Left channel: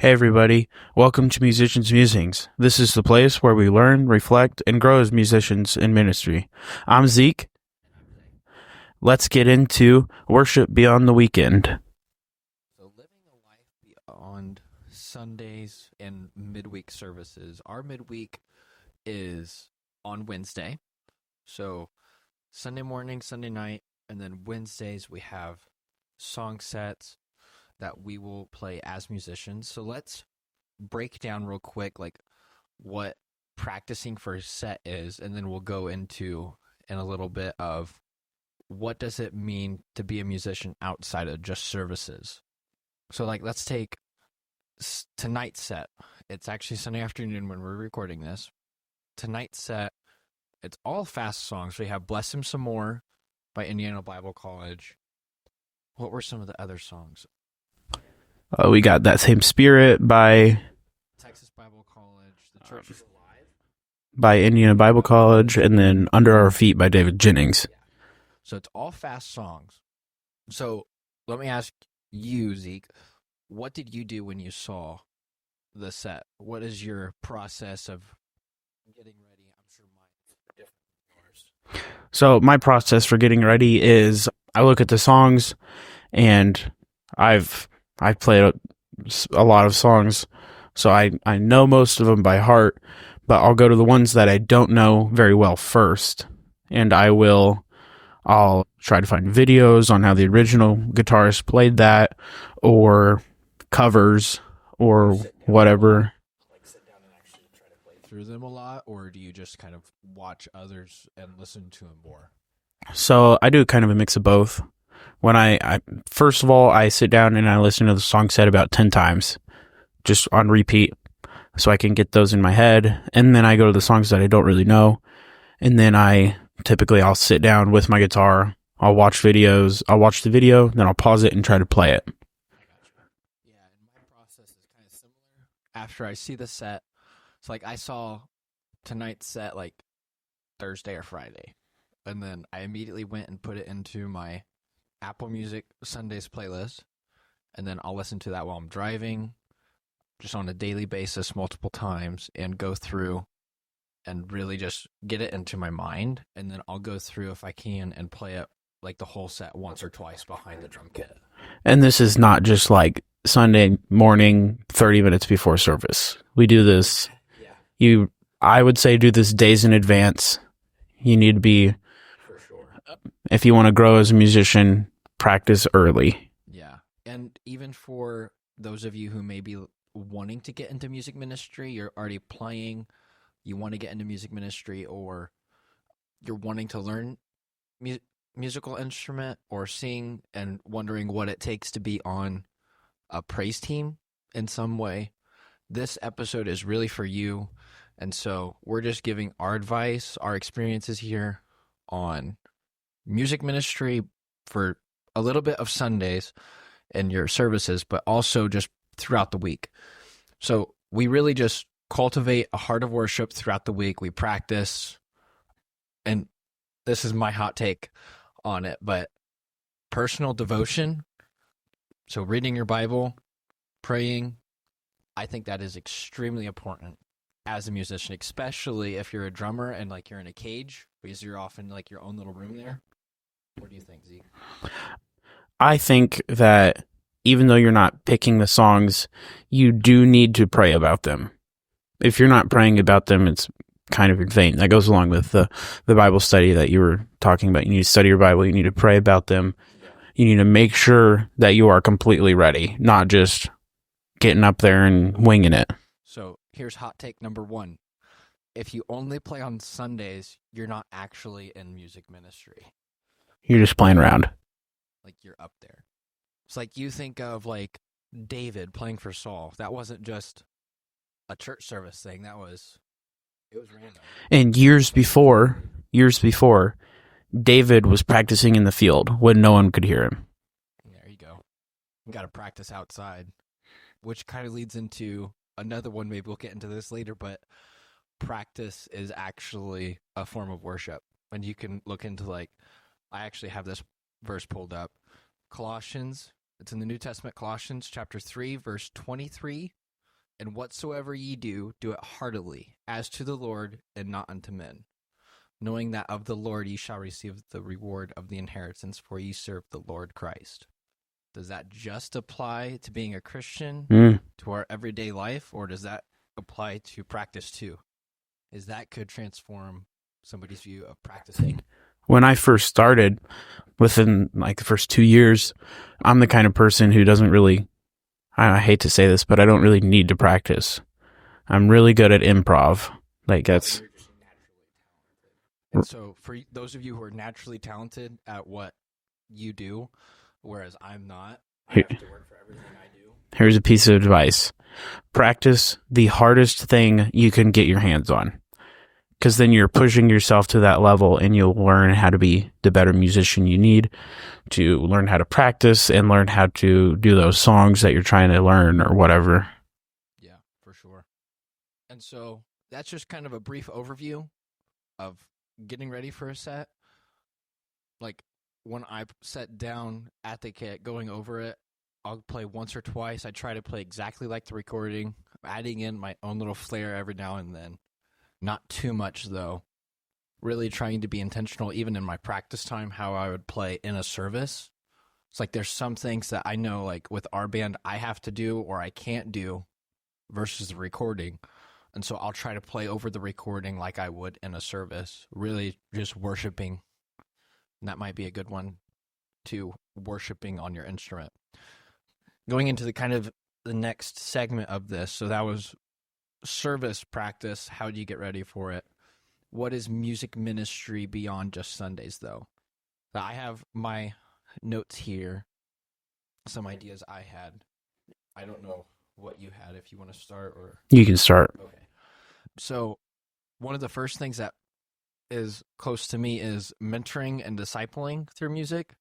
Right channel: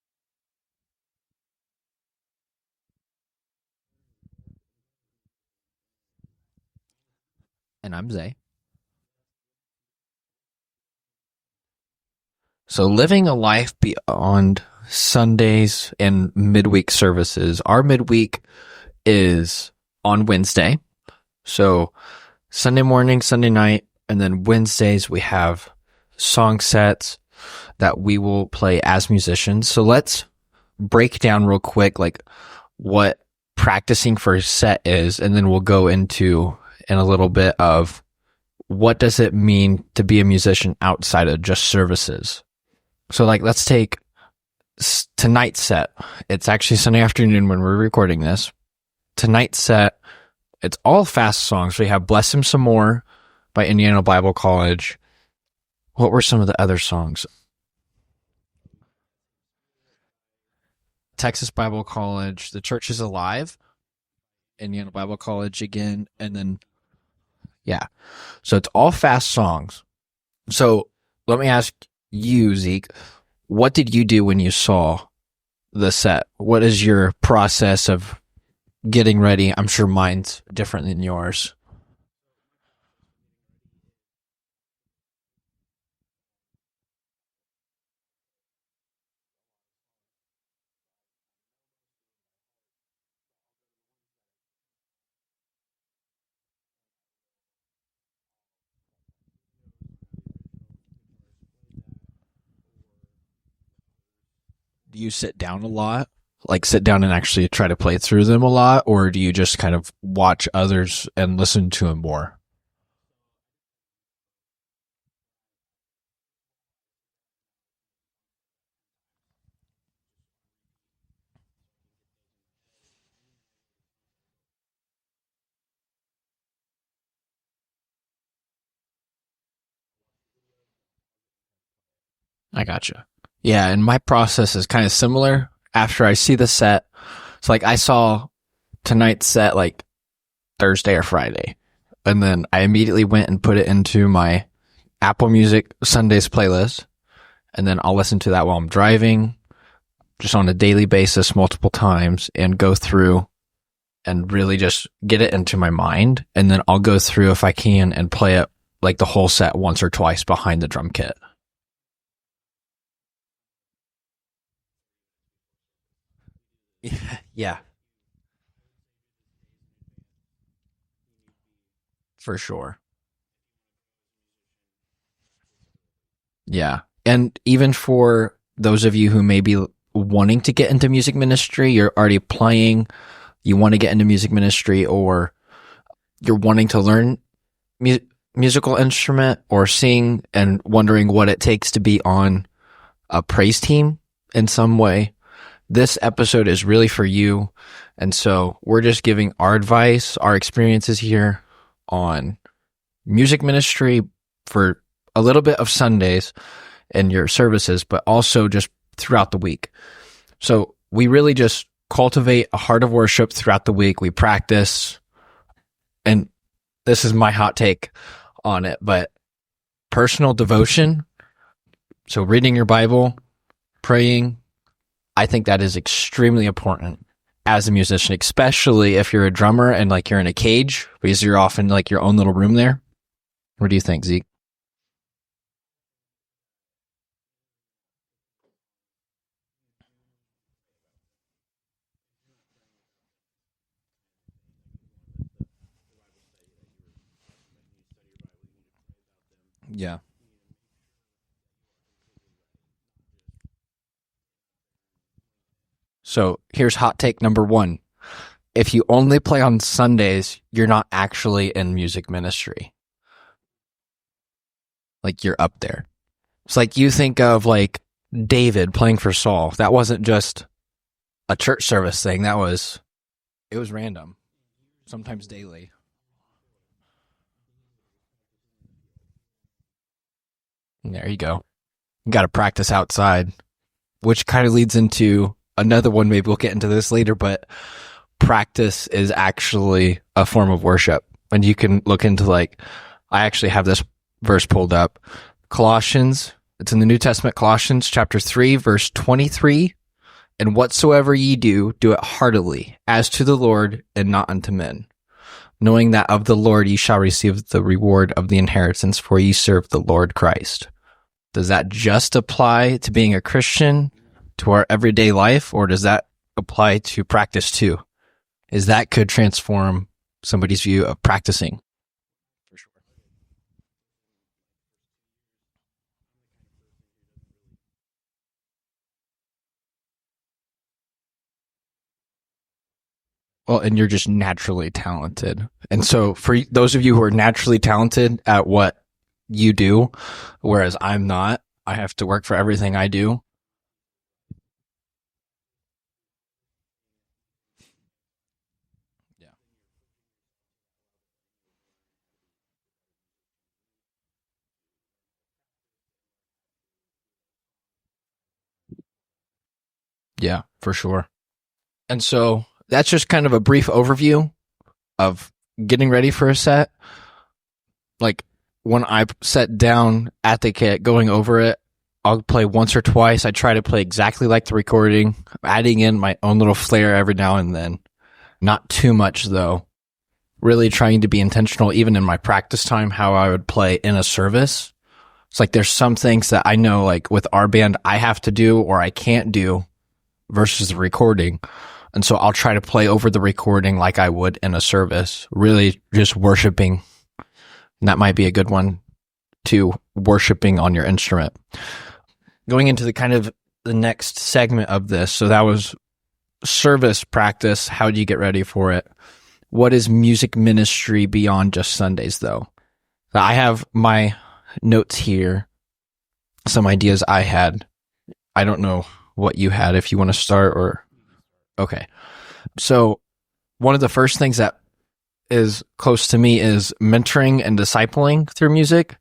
Hey everybody, welcome to Musicians Musings. This is the place where we learn, reflect, and grow as musicians in ministry. I'm Zeke. And I'm Zay. Let's get into worship beyond the weekend. So living a life beyond Sundays and midweek services. Our midweek is on Wednesday. So Sunday morning, Sunday night, and then Wednesdays we have song sets that we will play as musicians. So let's break down real quick like what practicing for a set is, and then we'll go into in a little bit of what does it mean to be a musician outside of just services. So like let's take tonight's set. It's actually Sunday afternoon when we're recording this. Tonight's set, it's all fast songs. We have Bless Him Some More by Indiana Bible College. What were some of the other songs? We got That Same Spirit by Texas Bible College, The Church is Alive by Indiana Bible College, and then Under Our Feet by David Jennings. Yeah. So it's all fast songs. So let me ask you, Zeke, what did you do when you saw the set? What is your process of getting ready? I'm sure mine's different than yours. So my process for getting ready is I look at the songs, and I've played a lot of songs, so I know most of them by heart, but I'll go to the ones that I don't know very well first, and I'll try to find videos on how the original guitarist played that, or covers, or whatever. Like sit down and actually try to play through them a lot, or do you just kind of watch others and listen to them more? So I do kind of a mix of both. When I first of all, I sit down and I listen to the song set about 10 times, just on repeat, so I can get those in my head. And then I go to the songs that I don't really know. And then I'll sit down with my guitar. I'll watch videos. I'll watch the video, then I'll pause it and try to play it. I gotcha. Yeah, and my process is kind of similar after I see the set. So like I saw tonight's set like Thursday or Friday. And then I immediately went and put it into my Apple Music Sundays playlist, and then I'll listen to that while I'm driving, just on a daily basis, multiple times, and go through and really just get it into my mind. And then I'll go through if I can and play it like the whole set once or twice behind the drum kit. And this is not just like Sunday morning, 30 minutes before service. We do this. Yeah. I would say do this days in advance. You need to be, for sure, if you want to grow as a musician, practice early. Yeah. And even for those of you who may be wanting to get into music ministry, you're already playing, you want to get into music ministry, or you're wanting to learn musical instrument or sing and wondering what it takes to be on a praise team in some way, this episode is really for you. And so we're just giving our advice, our experiences here on music ministry for a little bit of Sundays and your services, but also just throughout the week. So we really just cultivate a heart of worship throughout the week. We practice, and this is my hot take on it, but personal devotion, so reading your Bible, praying, I think that is extremely important as a musician, especially if you're a drummer and like you're in a cage, because you're off in like your own little room there. What do you think, Zeke? I think that even though you're not picking the songs, you do need to pray about them. If you're not praying about them, it's kind of in vain. That goes along with the Bible study that you were talking about. You need to study your Bible. You need to pray about them. Yeah. You need to make sure that you are completely ready, not just getting up there and winging it. So here's hot take number 1. If you only play on Sundays, you're not actually in music ministry. You're just playing around. Like you're up there. It's like you think of like David playing for Saul. That wasn't just a church service thing. It was random. And years before, David was practicing in the field when no one could hear him. There you go. You got to practice outside, which kind of leads into another one. Maybe we'll get into this later, but practice is actually a form of worship. And you can look into like, I actually have this verse pulled up. Colossians, it's in the New Testament, Colossians chapter 3, verse 23 And whatsoever ye do, do it heartily, as to the Lord and not unto men, knowing that of the Lord ye shall receive the reward of the inheritance, for ye serve the Lord Christ. Does that just apply to being a Christian, to our everyday life, or does that apply to practice too? Is that could transform somebody's view of practicing? When I first started, within like the first 2 years, I'm the kind of person who doesn't really, I hate to say this, but I don't really need to practice. I'm really good at improv. And you're just naturally talented. And so for those of you who are naturally talented at what you do, whereas I'm not, I have to work for everything I do. Here's a piece of advice. Practice the hardest thing you can get your hands on, because then you're pushing yourself to that level and you'll learn how to be the better musician you need to learn how to practice and learn how to do those songs that you're trying to learn or whatever. Yeah, for sure. And so that's just kind of a brief overview of getting ready for a set. Like when I set down at the kit, going over it, I'll play once or twice. I try to play exactly like the recording, adding in my own little flair every now and then. Not too much, though. Really trying to be intentional, even in my practice time, how I would play in a service. It's like there's some things that I know, like with our band, I have to do or I can't do versus the recording. And so I'll try to play over the recording like I would in a service, really just worshiping. And that might be a good one, too, worshiping on your instrument. Going into the kind of the next segment of this, so that was service practice. How do you get ready for it? What is music ministry beyond just Sundays, though? I have my notes here, some ideas I had. I don't know what you had, if you want to start or... You can start. Okay. So one of the first things that is close to me is mentoring and discipling through music.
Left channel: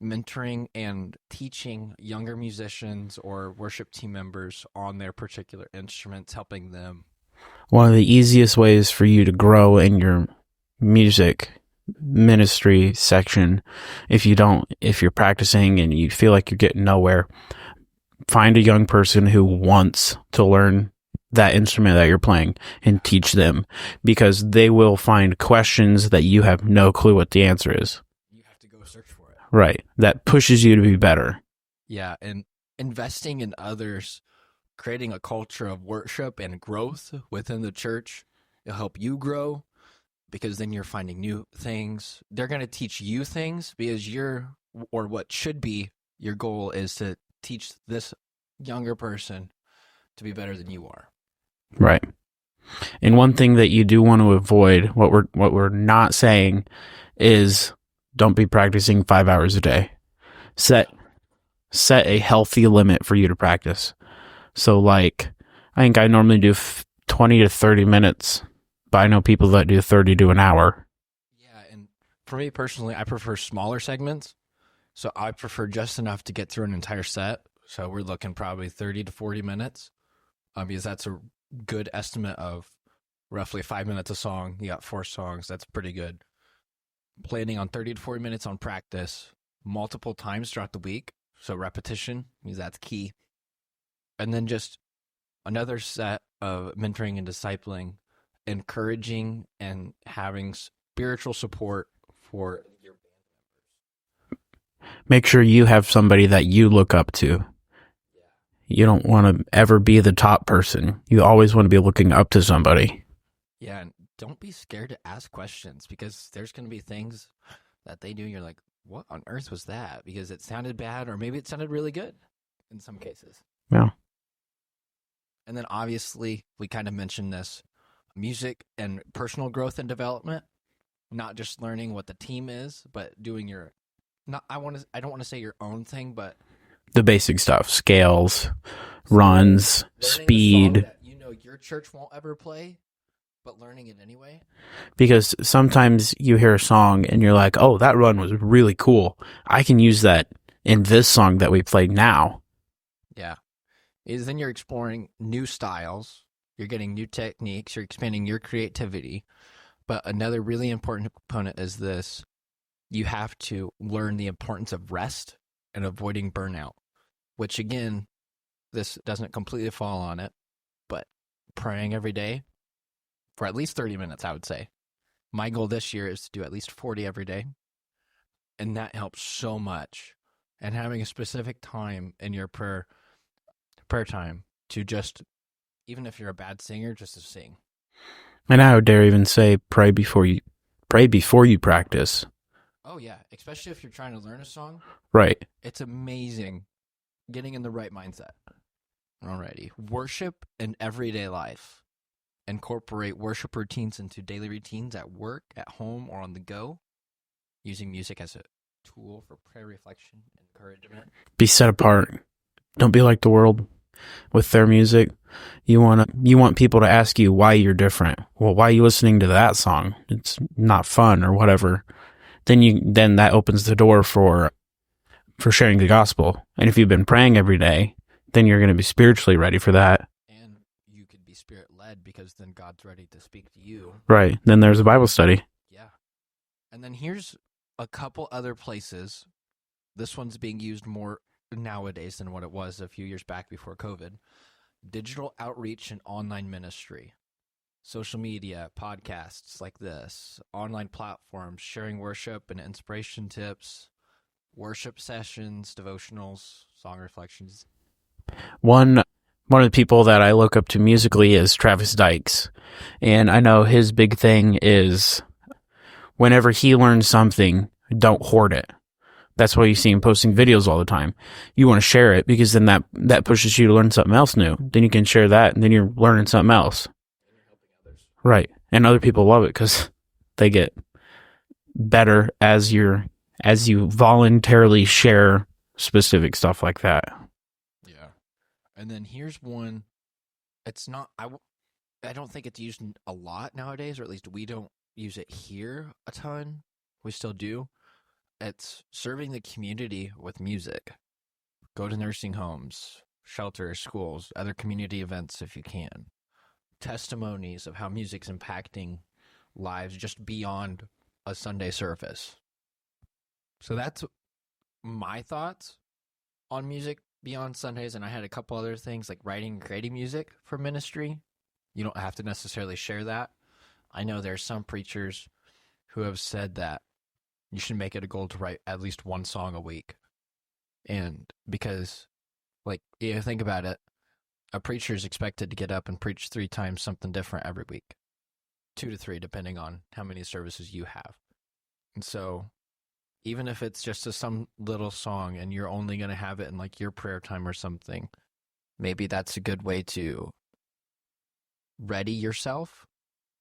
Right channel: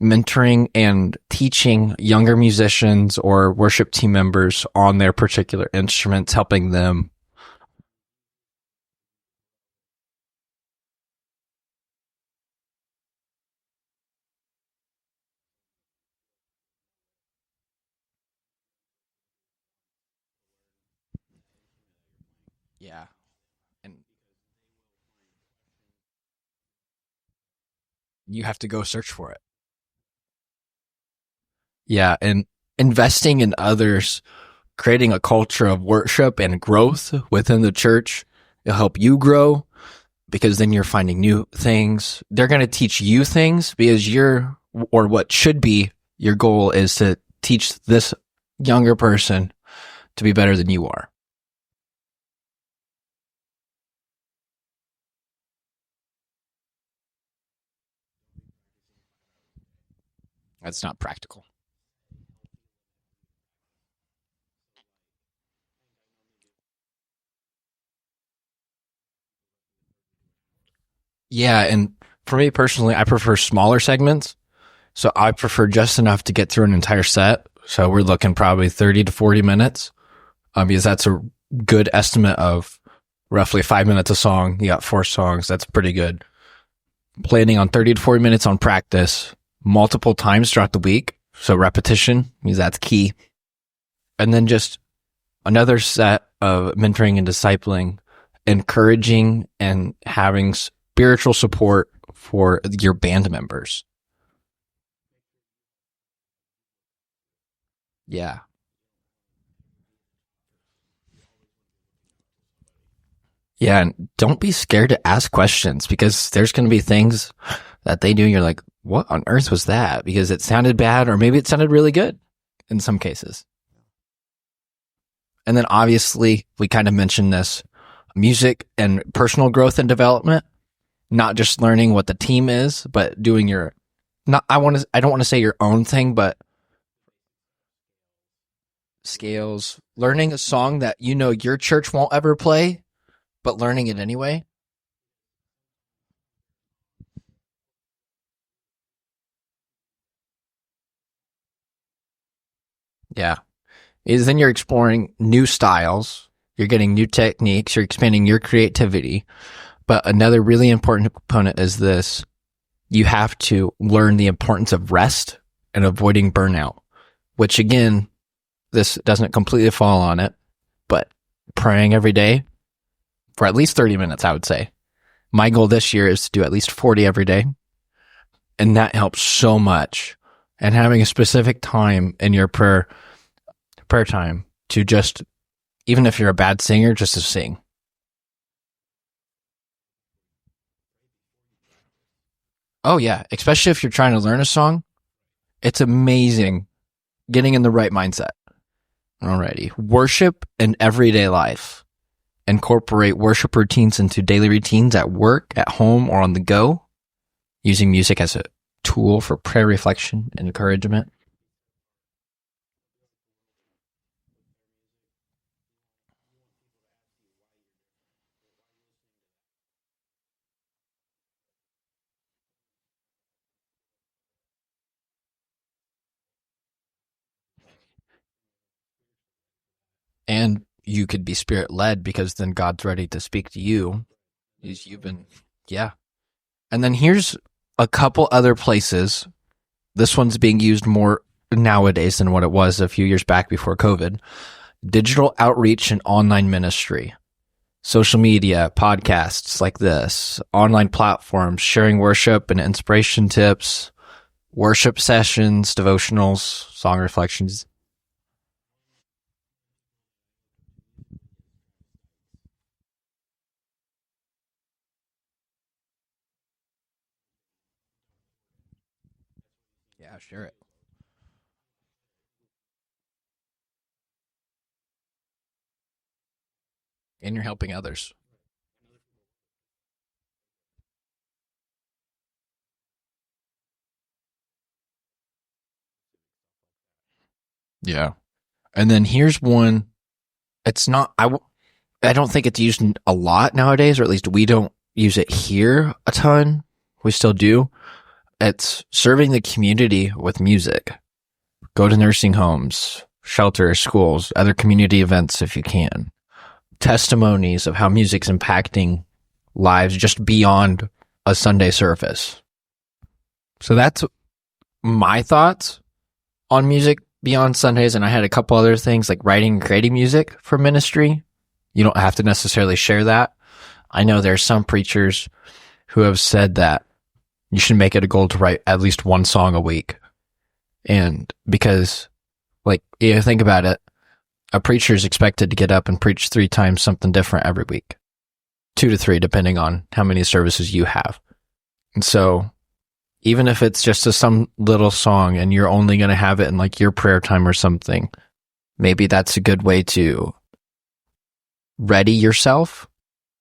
Mentoring and teaching younger musicians or worship team members on their particular instruments, helping them. One of the easiest ways for you to grow in your music ministry section, if you're practicing and you feel like you're getting nowhere, find a young person who wants to learn that instrument that you're playing and teach them, because they will find questions that you have no clue what the answer is. You have to go search for it. Right. That pushes you to be better. Yeah. And investing in others, creating a culture of worship and growth within the church, it'll help you grow, because then you're finding new things. They're going to teach you things because what should be your goal is to teach this younger person to be better than you are. Right. And one thing that you do want to avoid, what we're not saying is, don't be practicing 5 hours a day. That's not practical. Set a healthy limit for you to practice. So like, I think I normally do 20 to 30 minutes, but I know people that do 30 to an hour. Yeah, and for me personally, I prefer smaller segments. So I prefer just enough to get through an entire set. So we're looking probably 30 to 40 minutes, because that's a good estimate of roughly 5 minutes a song. You got 4 songs. That's pretty good. Planning on 30 to 40 minutes on practice multiple times throughout the week. So repetition means that's key. And then just another set of mentoring and discipling, encouraging and having spiritual support for your band members. Make sure you have somebody that you look up to. Yeah. You don't want to ever be the top person. You always want to be looking up to somebody. Yeah, and don't be scared to ask questions, because there's going to be things that they do and you're like, what on earth was that? Because it sounded bad, or maybe it sounded really good in some cases. Yeah. And then obviously, we kind of mentioned this, music and personal growth and development, not just learning what the team is, but doing I don't want to say your own thing, but the basic stuff, scales, runs, learning speed. a song that your church won't ever play, but learning it anyway. Because sometimes you hear a song and you're like, oh, that run was really cool. I can use that in this song that we played now. Yeah. Then you're exploring new styles. You're getting new techniques. You're expanding your creativity. But another really important component is this. You have to learn the importance of rest and avoiding burnout, which again, this doesn't completely fall on it, but praying every day for at least 30 minutes, I would say. My goal this year is to do at least 40 every day. And that helps so much. And having a specific time in your prayer time to just, even if you're a bad singer, just to sing. And I would dare even say pray before you practice. Oh yeah, especially if you're trying to learn a song. Right. It's amazing getting in the right mindset. Alrighty. Worship in everyday life. Incorporate worship routines into daily routines at work, at home, or on the go. Using music as a tool for prayer reflection and encouragement. Be set apart. Don't be like the world with their music. You want people to ask you why you're different. Well, why are you listening to that song? It's not fun or whatever. Then that opens the door for sharing the gospel. And if you've been praying every day, then you're going to be spiritually ready for that. And you could be spirit led because then God's ready to speak to you. Right. Then there's a Bible study. Yeah. And then here's a couple other places. This one's being used more nowadays than what it was a few years back before COVID. Digital outreach and online ministry. Social media, podcasts like this, online platforms, sharing worship and inspiration tips, worship sessions, devotionals, song reflections. One of the people that I look up to musically is Travis Dykes. And I know his big thing is whenever he learns something, don't hoard it. That's why you see him posting videos all the time. You want to share it because then that pushes you to learn something else new. Then you can share that and then you're learning something else. And you're helping others. Right. And other people love it because they get better as you voluntarily share specific stuff like that. Yeah. And then here's one. It's not, I don't think it's used a lot nowadays, or at least we don't use it here a ton. We still do. It's serving the community with music. Go to nursing homes, shelters, schools, other community events if you can. Testimonies of how music's impacting lives just beyond a Sunday service. So that's my thoughts on music beyond Sundays. And I had a couple other things like writing and creating music for ministry. You don't have to necessarily share that. I know there's some preachers who have said that you should make it a goal to write at least one song a week. And because, like, you think about it, a preacher is expected to get up and preach 3 times something different every week. 2 to 3, depending on how many services you have. And so, even if it's just some little song and you're only going to have it in like your prayer time or something, maybe that's a good way to ready yourself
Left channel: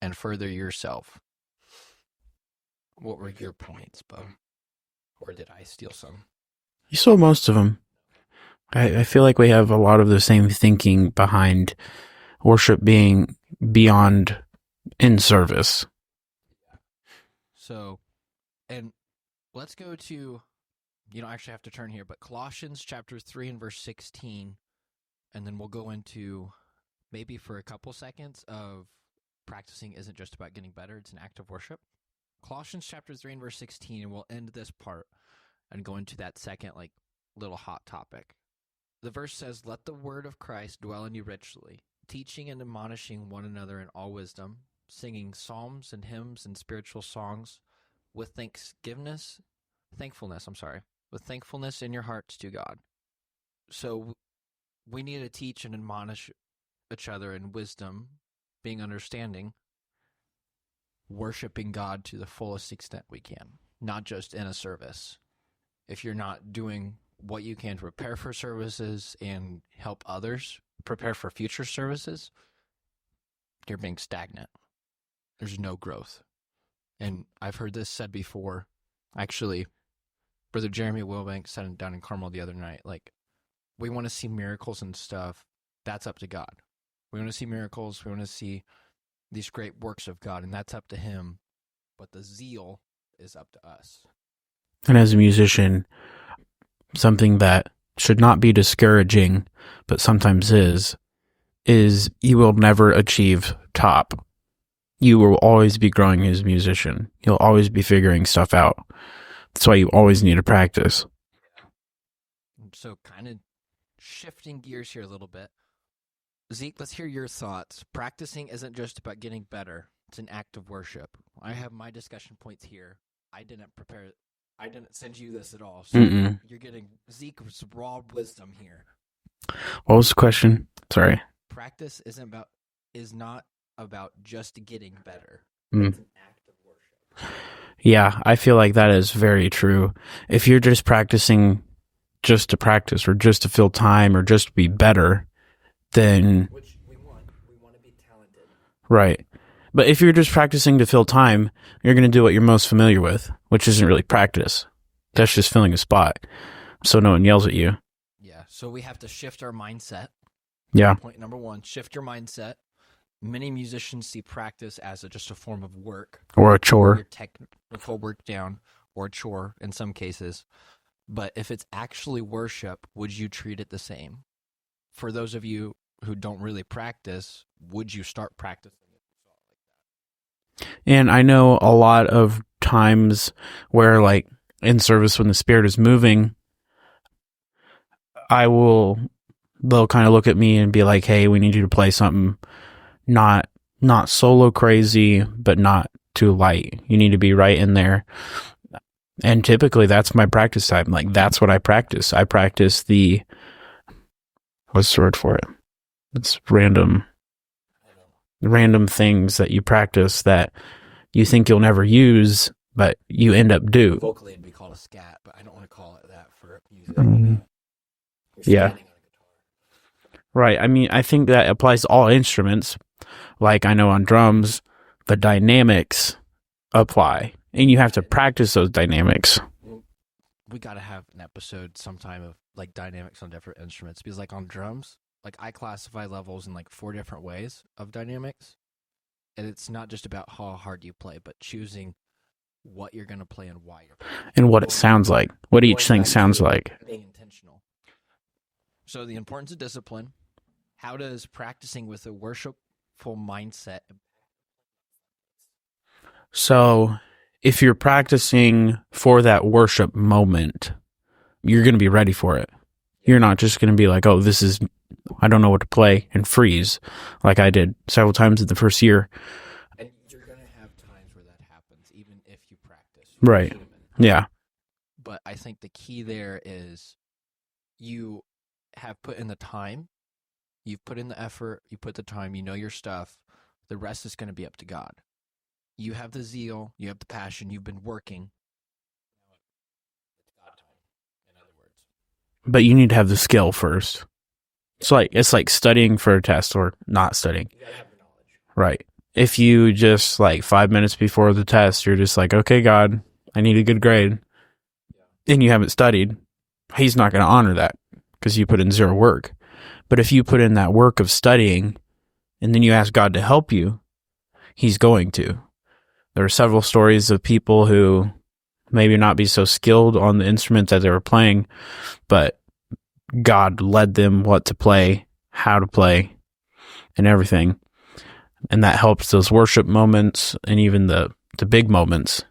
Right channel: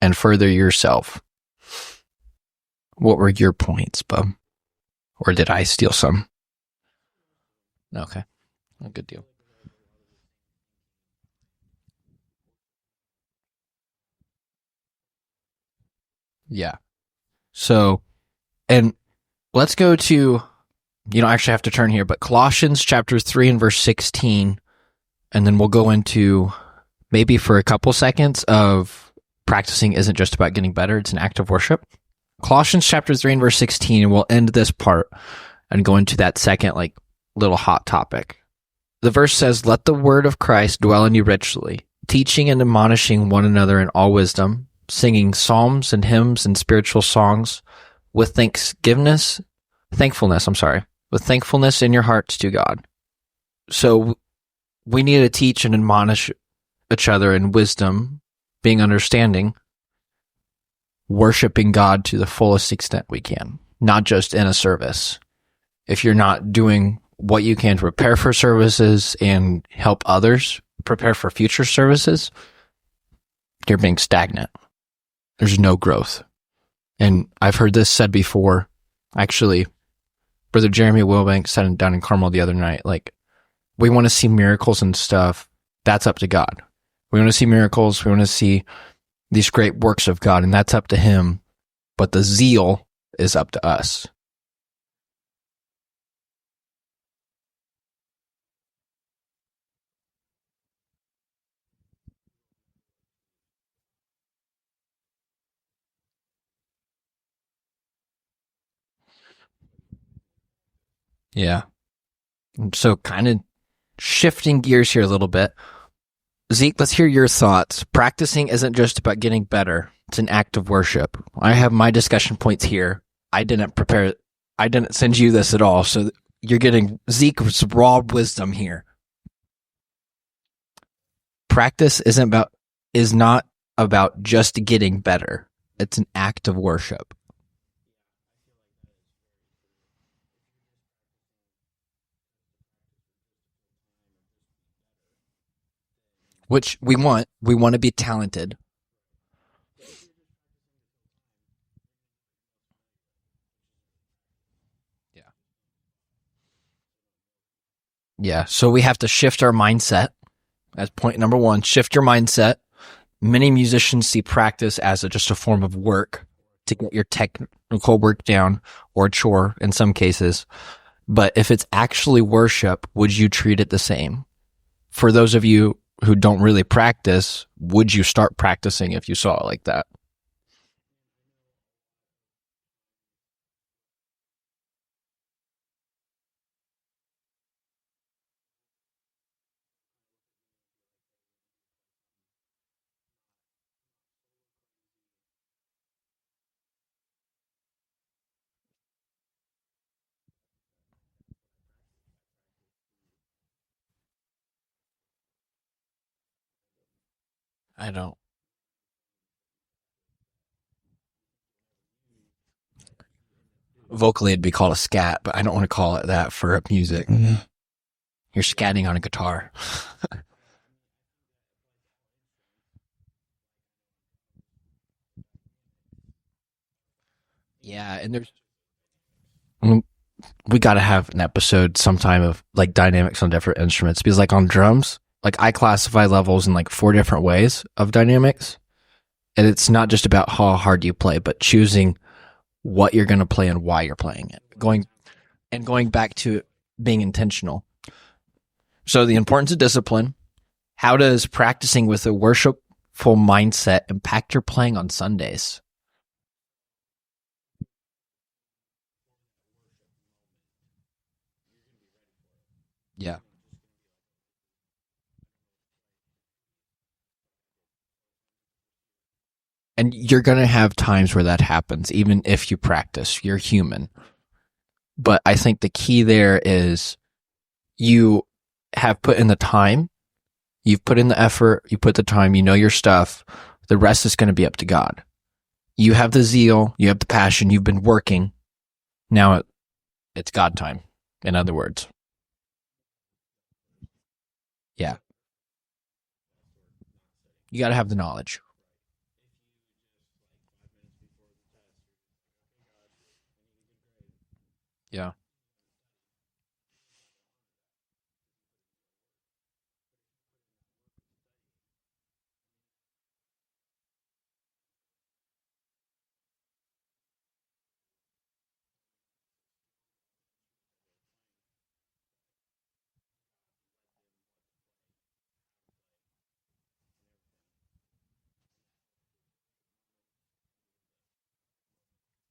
and further yourself. What were your points, Bub? Or did I steal some? You stole most of them. Okay. I feel like we have a lot of the same thinking behind worship being beyond in service. Yeah. So, and let's go to, you don't actually have to turn here, but Colossians chapter 3 and verse 16, and then we'll go into maybe for a couple seconds of practicing isn't just about getting better, it's an act of worship. Colossians chapter 3 and verse 16, and we'll end this part and go into that second, like, little hot topic. The verse says, "Let the word of Christ dwell in you richly, teaching and admonishing one another in all wisdom, singing psalms and hymns and spiritual songs with thankfulness in your hearts to God." So we need to teach and admonish each other in wisdom, being understanding, worshiping God to the fullest extent we can, not just in a service. If you're not doing what you can to prepare for services and help others prepare for future services, you're being stagnant. There's no growth. And I've heard this said before. Actually, Brother Jeremy Wilbank said it down in Carmel the other night, like, we want to see miracles and stuff. That's up to God. We want to see miracles. We want to see these great works of God, and that's up to him. But the zeal is up to us. And as a musician, something that should not be discouraging, but sometimes is you will never achieve top. You will always be growing as a musician. You'll always be figuring stuff out. That's why you always need to practice. Yeah. So kind of shifting gears here a little bit. Zeke, let's hear your thoughts. Practicing isn't just about getting better. It's an act of worship. I have my discussion points here. I didn't send you this at all, so you're getting Zeke's raw wisdom here. What was the question? Sorry. Practice is not about just getting better. It's an act of worship. Yeah, I feel like that is very true. If you're just practicing just to practice or just to fill time or just to be better, then... Which we want. We want to be talented. Right. But if you're just practicing to fill time, you're going to do what you're most familiar with, which isn't really practice. That's just filling a spot so no one yells at you. Yeah, so we have to shift our mindset. Yeah. Point number one, shift your mindset. Many musicians see practice as just a form of work. Or a chore. Your technical work down, or a chore in some cases. But if it's actually worship, would you treat it the same? For those of you who don't really practice, would you start practicing if you saw it like that? And I know a lot of times where, like, in service when the Spirit is moving, they'll kind of look at me and be like, hey, we need you to play something not solo crazy, but not too light. You need to be right in there. And typically that's my practice time. Like, that's what I practice. I practice what's the word for it? It's random things that you practice that you think you'll never use, but you end up do. Vocally, it'd be called a scat, but I don't want to call it that for music. You're scatting on a guitar. Right. I mean, I think that applies to all instruments. Like, I know on drums, the dynamics apply, and you have to practice those dynamics. We got to have an episode sometime of like dynamics on different instruments, because like on drums, like I classify levels in like 4 different ways of dynamics. And it's not just about how hard you play, but choosing what you're going to play and why you're playing it. And what it sounds like. What each thing sounds like. Being intentional. So the importance of discipline. How does practicing with a worshipful mindset impact your playing on Sundays? So if you're practicing for that worship moment, you're going to be ready for it. Yeah. You're not just going to be like, oh, I don't know what to play, and freeze like I did several times in the first year. And you're going to have times where that happens, even if you practice. You're human. Yeah. But I think the key there is you have put in the time, you've put in the effort, you put the time, you know your stuff. The rest is going to be up to God. You have the zeal, you have the passion, you've been working. Now it's God time, in other words. But you need to have the skill first. Yeah. It's like studying for a test or not studying. You got to have the knowledge. Right. If you just like 5 minutes before the test, you're just like, okay, God, I need a good grade. Yeah. And you haven't studied, he's not going to honor that because you put in zero work. But if you put in that work of studying and then you ask God to help you, he's going to. There are several stories of people who maybe not be so skilled on the instruments that they were playing, but God led them what to play, how to play, and everything. And that helps those worship moments and even the big moments.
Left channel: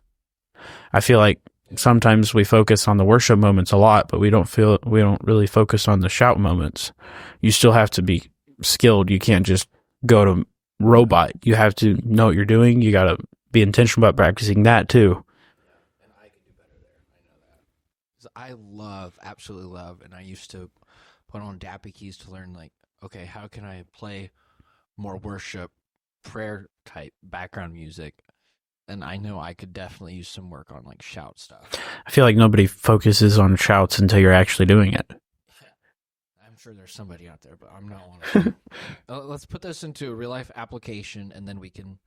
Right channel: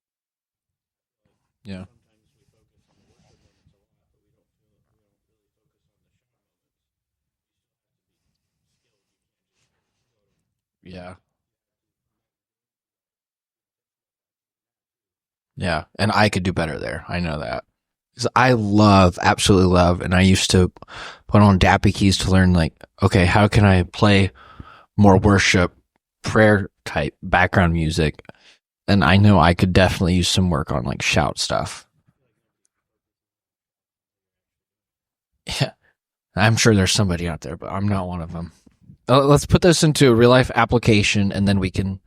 I feel like sometimes we focus on the worship moments a lot, but we don't really focus on the shout moments. You still have to be skilled. You can't just go to robot. You have to know what you're doing. You got to be intentional about practicing that too. Yeah. And I could do better there. I know that. Because I absolutely love, and I used to put on dappy keys to learn, like, okay, how can I play more worship, prayer type background music? And I know I could definitely use some work on like shout stuff. I feel like nobody focuses on shouts until you're actually doing it. Yeah. I'm sure there's somebody out there, but I'm not one of them. Let's put this into a real life application, and then we can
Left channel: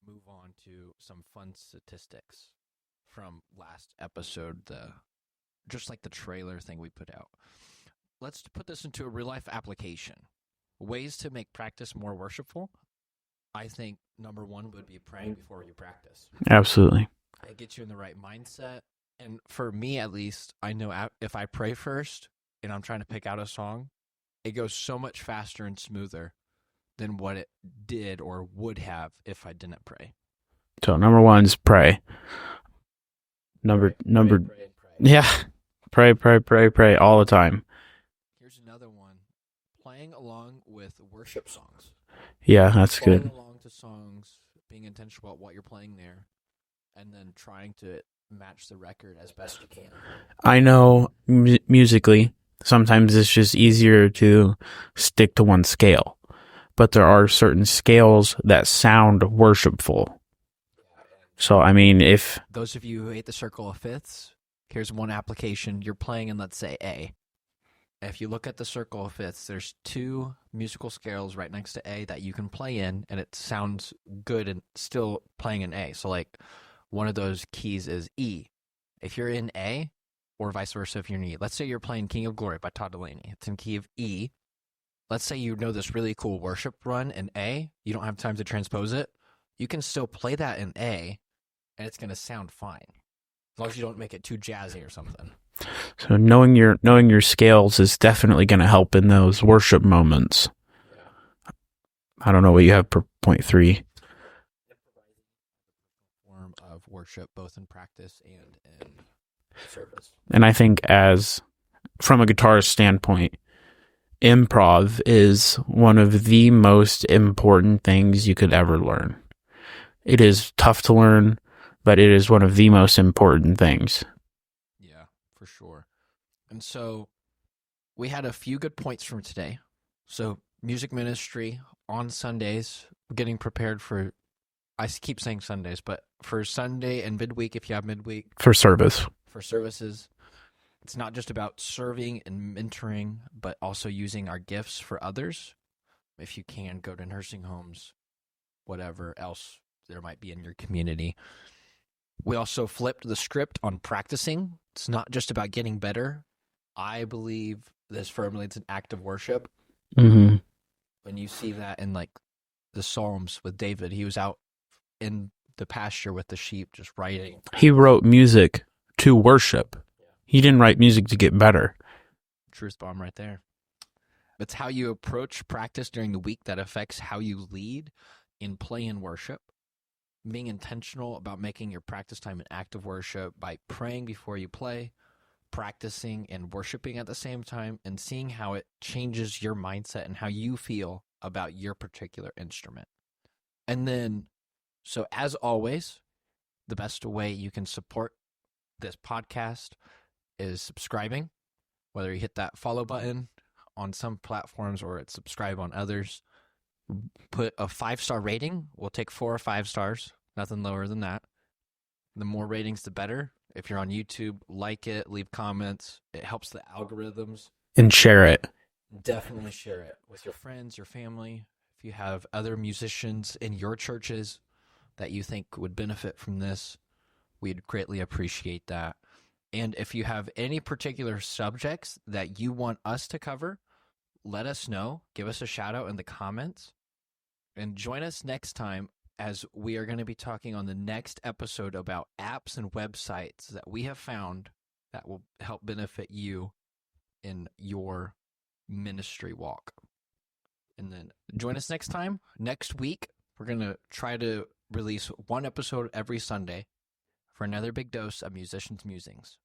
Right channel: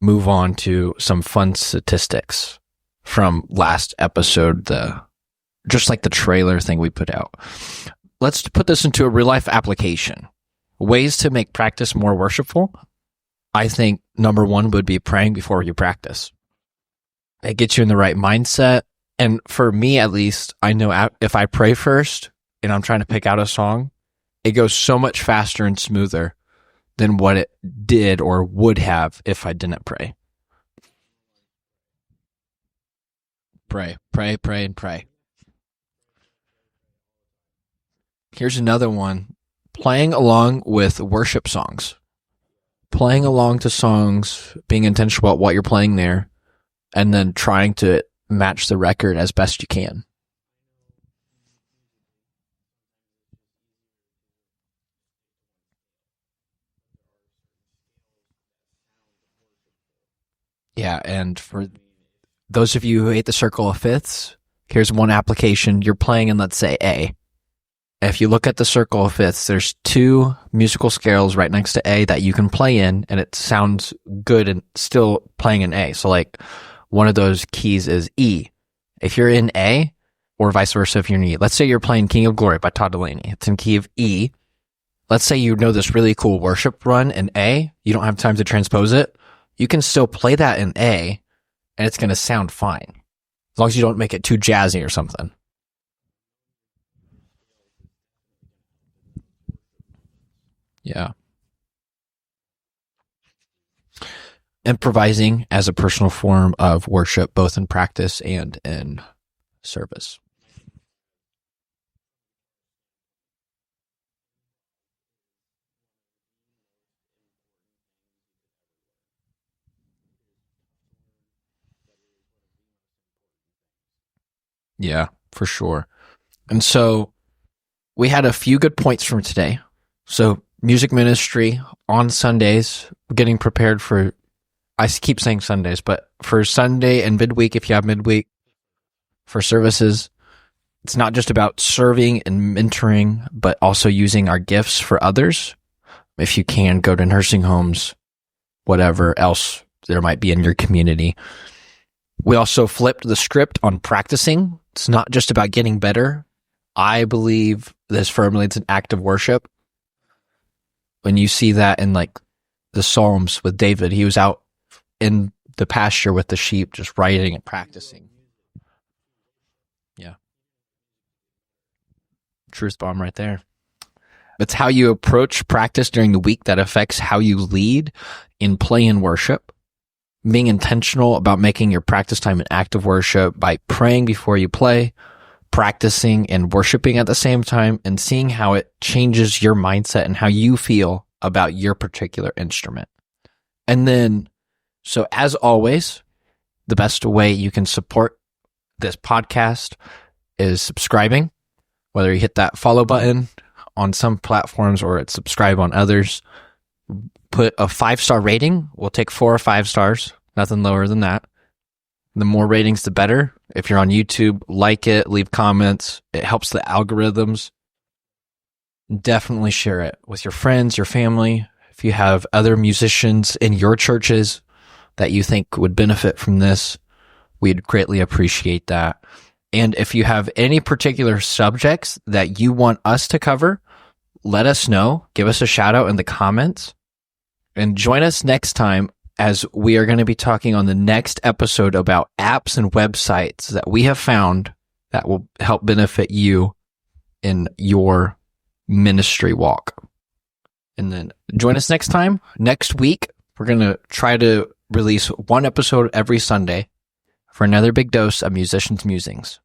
move on to some fun statistics from last episode, just like the trailer thing we put out. Let's put this into a real life application. Ways to make practice more worshipful. I think number 1 would be praying before you practice. Absolutely. It gets you in the right mindset. And for me, at least, I know if I pray first and I'm trying to pick out a song, it goes so much faster and smoother than what it did or would have if I didn't pray. So number 1 is pray. Pray and pray. Yeah. Pray all the time. Here's another one. Playing along with worship songs. Yeah, that's Playing good. along to songs, being intentional about what you're playing there, and then trying to match the record as best you can. I know musically, sometimes it's just easier to stick to one scale, but there are certain scales that sound worshipful. Yeah, and So, I mean, if those of you who hate the circle of fifths, here's one application. You're playing in, let's say, A. If you look at the circle of fifths, there's 2 musical scales right next to A that you can play in, and it sounds good and still playing in A. So, like, one of those keys is E. If you're in A, or vice versa if you're in E. Let's say you're playing King of Glory by Todd Dulaney. It's in key of E. Let's say you know this really cool worship run in A. You don't have time to transpose it. You can still play that in A, and it's going to sound fine. As long as you don't make it too jazzy or something. so knowing your scales is definitely going to help in those worship moments. Yeah. I don't know what you have for point 3. Improvising as a personal form of worship, both in practice and in service. And I think from a guitarist standpoint, improv is one of the most important things you could ever learn. It is tough to learn, but it is one of the most important things. Yeah, for sure. And so we had a few good points from today. So music ministry on Sundays, getting prepared for, I keep saying Sundays, but for Sunday and midweek, if you have midweek. For service. For services, it's not just about serving and mentoring, but also using our gifts for others. If you can, go to nursing homes, whatever else there might be in your community. We also flipped the script on practicing. It's not just about getting better. I believe this firmly, it's an act of worship. Mm-hmm. When you see that in like the Psalms with David, he was out in the pasture with the sheep, just writing and practicing. He wrote music to worship. Yeah. He didn't write music to get better. Truth bomb right there. It's how you approach practice during the week that affects how you lead in play and worship. Being intentional about making your practice time an act of worship by praying before you play, practicing and worshiping at the same time, and seeing how it changes your mindset and how you feel about your particular instrument. And then, so as always, the best way you can support this podcast is subscribing, whether you hit that follow button on some platforms or it's subscribe on others. Put a 5-star rating. We'll take 4 or 5 stars, nothing lower than that. The more ratings, the better. If you're on YouTube, like it, leave comments. It helps the algorithms. And share it. Definitely share it with your friends, your family. If you have other musicians in your churches that you think would benefit from this, we'd greatly appreciate that. And if you have any particular subjects that you want us to cover, let us know. Give us a shout out in the comments. And join us next time as we are going to be talking on the next episode about apps and websites that we have found that will help benefit you in your ministry walk. And then join us next time. Next week, we're going to try to release 1 episode every Sunday for another big dose of Musicians Musings.